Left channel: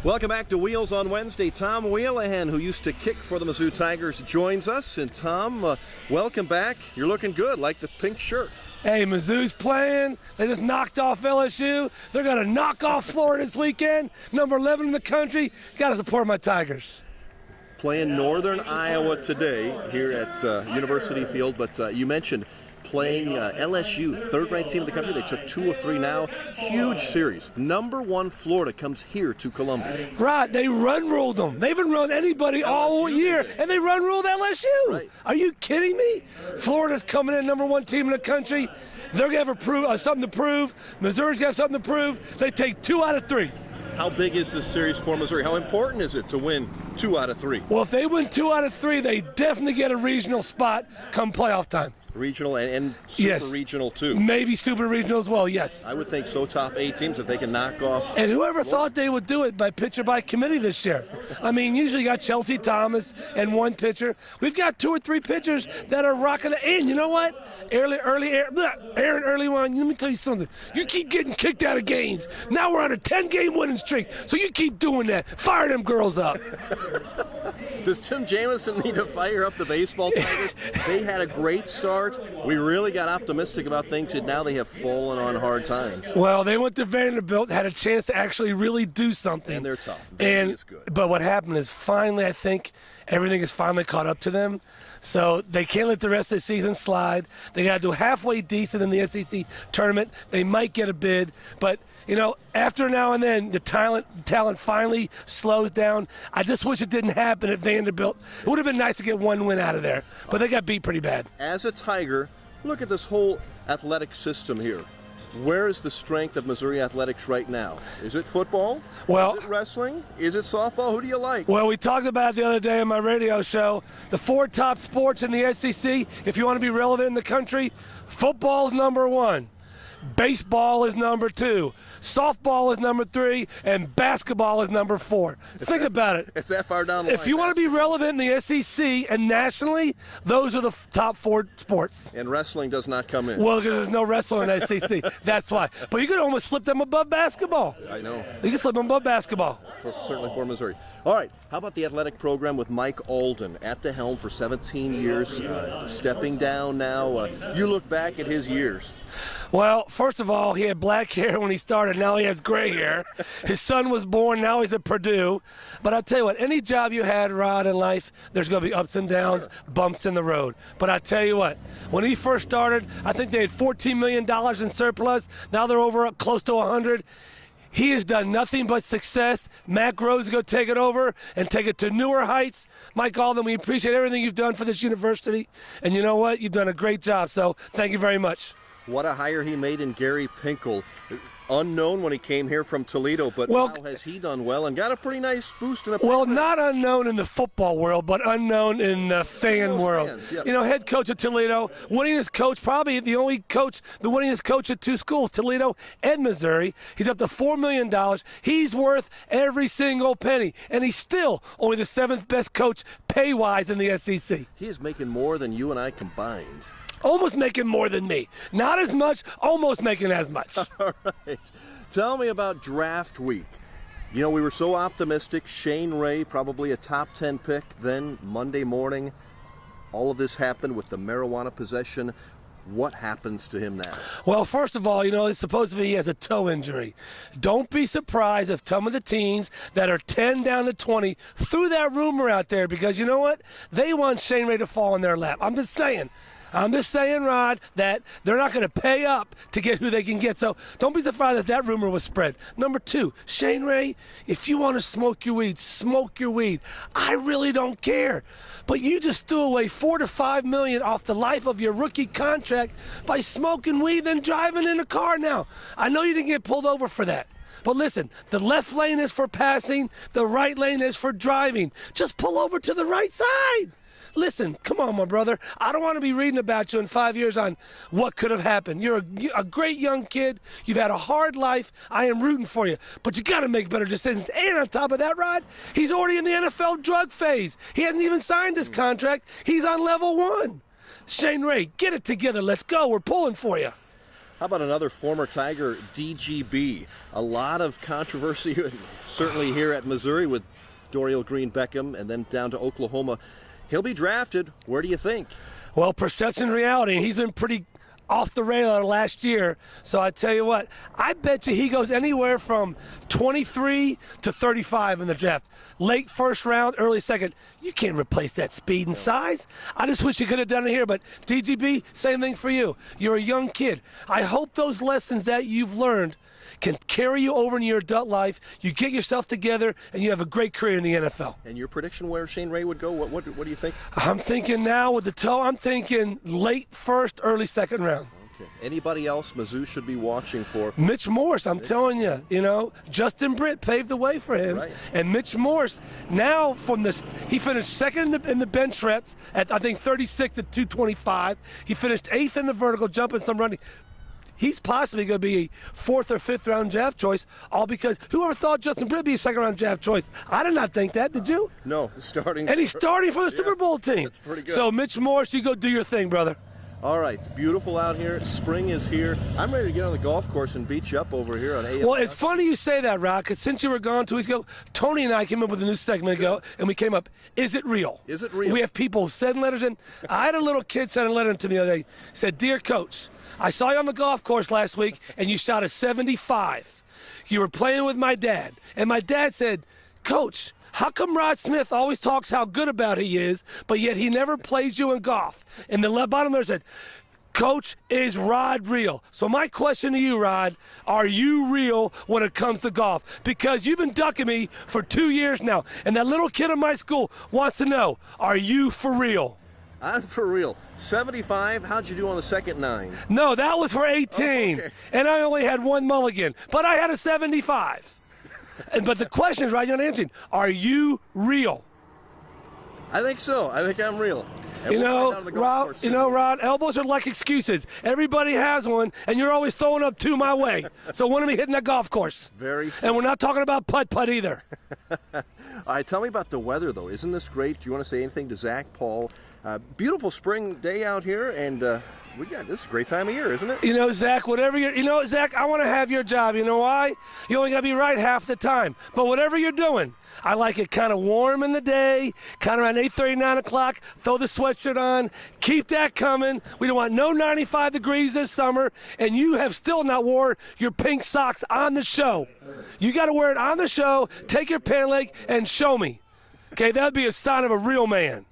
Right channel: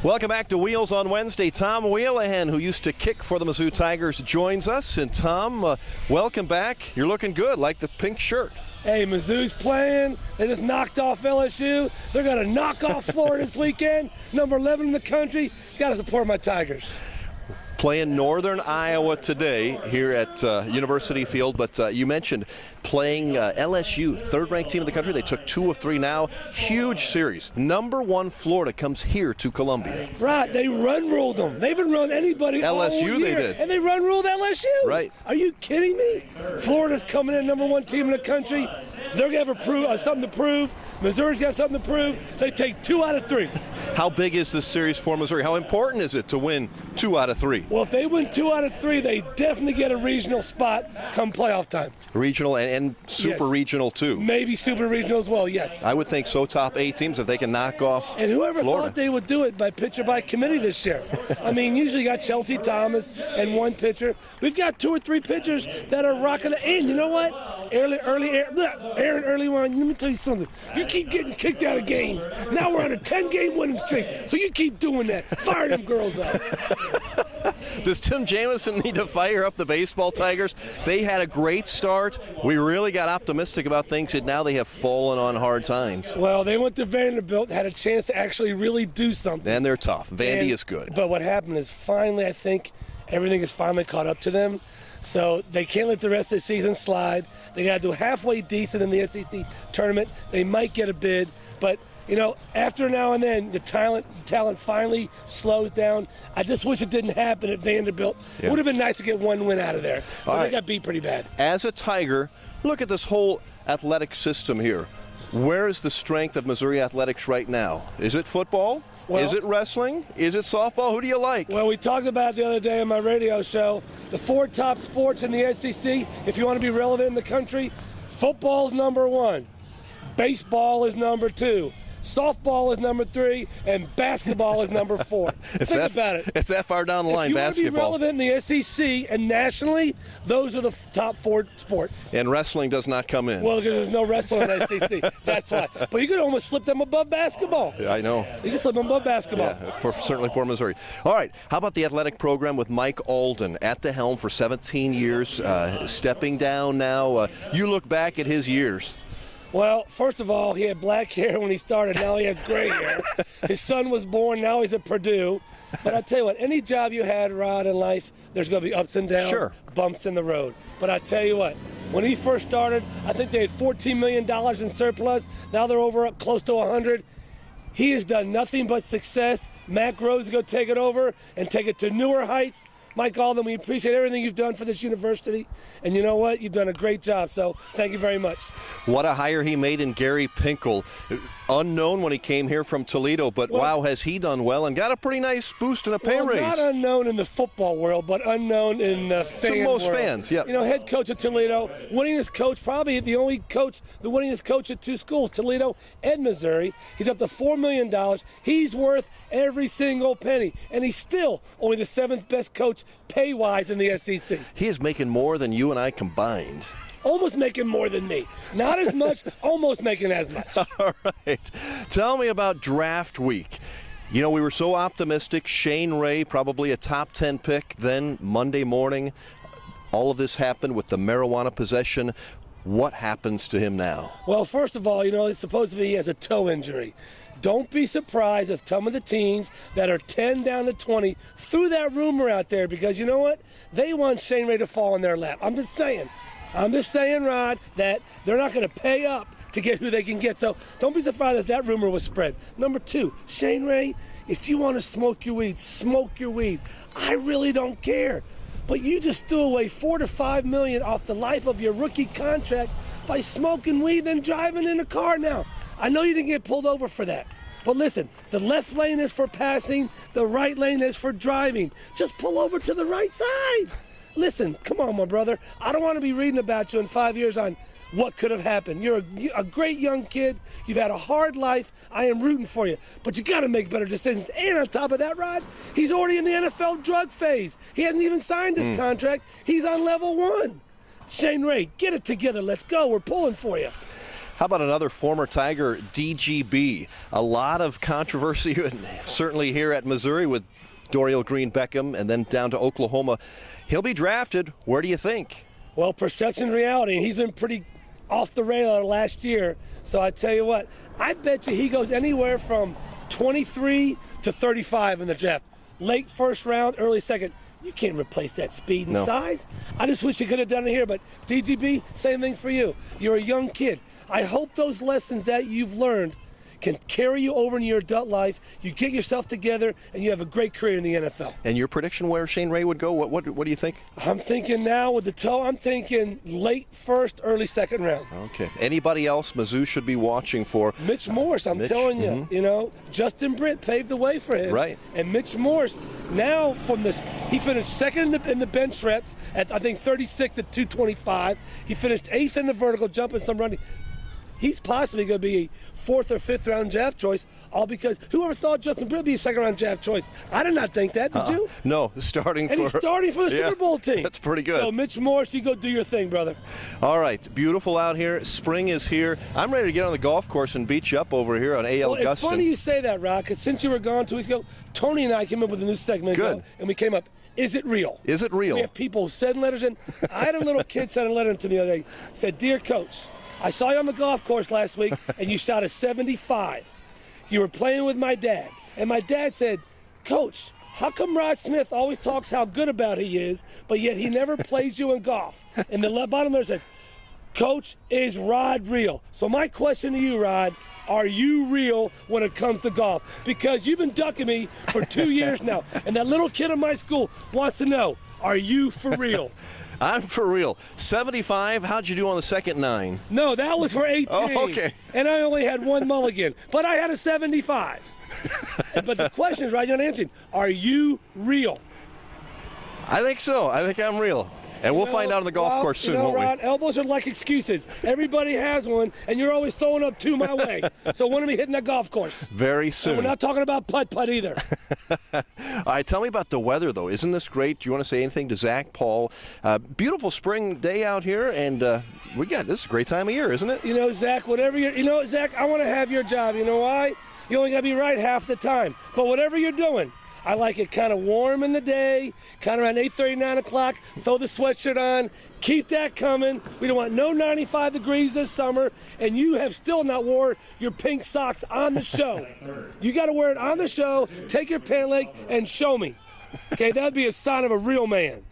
Welcome back to Wheels on Wednesday. Tom Wheelahan, who used to kick for the Mizzou Tigers, joins us. And Tom, welcome back. You're looking good, like the pink shirt. Hey, Mizzou's playing. They just knocked off LSU. They're going to knock off Florida this weekend. Number 11 in the country. Got to support my Tigers. Playing Northern Iowa today here at University Field, but you mentioned playing LSU, third-ranked team in the country. They took 2 of 3 now. Huge series. Number 1 Florida comes here to Columbia. Right, they run-ruled them. They haven't run anybody LSU, all year, they did. and they run-ruled LSU. Right. Are you kidding me? Florida's coming in number 1 team in the country. They're going to have something to prove. Missouri's got something to prove. They take 2 out of 3. How big is this series for Missouri? How important is it to win 2 out of 3? Well, if they win 2 out of 3, they definitely get a regional spot come playoff time. Regional and super regional too. Maybe super regional as well, yes. I would think so. Top 8 teams if they can knock off. And whoever Florida thought they would do it by pitcher by committee this year? I mean, usually you got Chelsea Thomas and 1 pitcher. We've got 2 or 3 pitchers that are rocking it. And you know what? Aaron early on, let me tell you something. You keep getting kicked out of games. Now we're on a 10-game winning streak. So you keep doing that. Fire them girls up. Does Tim Jamison need to fire up the baseball Tigers? They had a great start. We really got optimistic about things, and now they have fallen on hard times. Well, they went to Vanderbilt, had a chance to actually really do something. And they're tough. Vandy is good. But what happened is finally, I think, everything is finally caught up to them. So they can't let the rest of the season slide. They got to do halfway decent in the SEC tournament. They might get a bid, but you know, after now and then, the talent finally slows down. I just wish it didn't happen at Vanderbilt. Yeah. It would have been nice to get 1 win out of there, but they got beat pretty bad. As a Tiger, look at this whole athletic system here. Where is the strength of Missouri athletics right now? Is it football? Is it wrestling? Is it softball? Who do you like? Well, we talked about it the other day on my radio show. The 4 top sports in the SEC, if you want to be relevant in the country, football is number 1. Baseball is number 2. Softball is number 3, and basketball is number 4. Think about it. It's that far down the line. If you want to be relevant in the SEC and nationally, those are the top 4 sports. And wrestling does not come in. Well, because there's no wrestling in the SEC. That's why. But you could almost slip them above basketball. Yeah, I know. You can slip them above basketball. Yeah, certainly for Missouri. All right. How about the athletic program with Mike Alden at the helm for 17 years, stepping down now? You look back at his years. Well, first of all, he had black hair when he started. Now he has gray hair. His son was born. Now he's at Purdue. But I'll tell you what, any job you had, Rod, in life, there's going to be ups and downs, bumps in the road. But I tell you what, when he first started, I think they had $14 million in surplus. Now they're over close to 100. He has done nothing but success. Matt Groves is going to take it over and take it to newer heights. Mike Alden, we appreciate everything you've done for this university. And you know what? You've done a great job, so thank you very much. What a hire he made in Gary Pinkel. Unknown when he came here from Toledo, but wow, has he done well and got a pretty nice boost in a pay raise. Well, not unknown in the football world, but unknown in the fan world. Fans, yeah. You know, head coach at Toledo, winningest coach, probably the only coach, the winningest coach at 2 schools, Toledo and Missouri. He's up to $4 million. He's worth every single penny, and he's still only the 7th best coach pay-wise in the SEC. He is making more than you and I combined. Almost making more than me. Not as much, almost making as much. All right. Tell me about draft week. You know, we were so optimistic. Shane Ray, probably a top 10 pick. Then Monday morning, all of this happened with the marijuana possession. What happens to him now? Well, first of all, you know, supposedly he has a toe injury. Don't be surprised if some of the teams that are 10 down to 20 threw that rumor out there because you know what? They want Shane Ray to fall in their lap. I'm just saying, Rod, that they're not going to pay up to get who they can get. So don't be surprised if that rumor was spread. Number 2, Shane Ray, if you want to smoke your weed, smoke your weed. I really don't care. But you just threw away $4 to $5 million off the life of your rookie contract by smoking weed and driving in a car now. I know you didn't get pulled over for that. But listen, the left lane is for passing, the right lane is for driving. Just pull over to the right side. Listen, come on, my brother. I don't want to be reading about you in 5 years on what could have happened. You're a great young kid. You've had a hard life. I am rooting for you. But you got to make better decisions. And on top of that, Rod, he's already in the NFL drug phase. He hasn't even signed his contract. He's on level 1. Shane Ray, get it together. Let's go. We're pulling for you. How about another former Tiger, DGB? A lot of controversy, certainly here at Missouri with Dorial Green Beckham, and then down to Oklahoma. He'll be drafted. Where do you think? Well, perception reality, and he's been pretty off the radar last year. So I tell you what, I bet you he goes anywhere from 23 to 35 in the draft. Late first round, early second. You can't replace that speed and size. I just wish you could have done it here, but DGB, same thing for you. You're a young kid. I hope those lessons that you've learned can carry you over in your adult life. You get yourself together, and you have a great career in the NFL. And your prediction where Shane Ray would go? What do you think? I'm thinking now with the toe, I'm thinking late first, early second round. Okay. Anybody else Mizzou should be watching for? Mitch Morse, I'm telling you, you know, Justin Britt paved the way for him. Right. And Mitch Morse, now from this, he finished second in the bench reps at, I think, 36 at 225. He finished 8th in the vertical, jumping some running. He's possibly going to be a 4th or 5th round draft choice, all because whoever thought Justin Britt would be a 2nd round draft choice? I did not think that. Did you? No, he's starting the Super Bowl team. That's pretty good. So Mitch Morse, you go do your thing, brother. All right, beautiful out here. Spring is here. I'm ready to get on the golf course and beat you up over here on AL Well, it's funny you say that, Rod, because since you were gone 2 weeks ago, Tony and I came up with a new segment ago, and we came up, is it real? Is it real? We have people sending letters in. I had a little kid send a letter to me the other day. Said, "Dear Coach, I saw you on the golf course last week, and you shot a 75. You were playing with my dad. And my dad said, Coach, how come Rod Smith always talks how good about he is, but yet he never plays you in golf?" And the bottom there said, "Coach, is Rod real?" So my question to you, Rod, are you real when it comes to golf? Because you've been ducking me for 2 years now, and that little kid in my school wants to know, are you for real? I'm for real. 75, how'd you do on the second 9? No, that was for 18. Oh, okay. And I only had 1 mulligan, but I had a 75. But the question is, right, you're answering, are you real? I think so. I think I'm real. And we'll find out on the golf course soon, won't we? Rod, elbows are like excuses. Everybody has one, and you're always throwing up 2 my way. So when are we hitting that golf course? Very soon. And we're not talking about putt-putt either. All right, tell me about the weather, though. Isn't this great? Do you want to say anything to Zach, Paul? Beautiful spring day out here, and this is a great time of year, isn't it? You know, Zach, Zach, I want to have your job. You know why? You only got to be right half the time. But whatever you're doing, I like it kind of warm in the day, kind of around 8:30, 9 o'clock. Throw the sweatshirt on. Keep that coming. We don't want no 95 degrees this summer, and you have still not worn your pink socks on the show. You got to wear it on the show. Take your pant leg and show me. Okay, that would be a sign of a real man.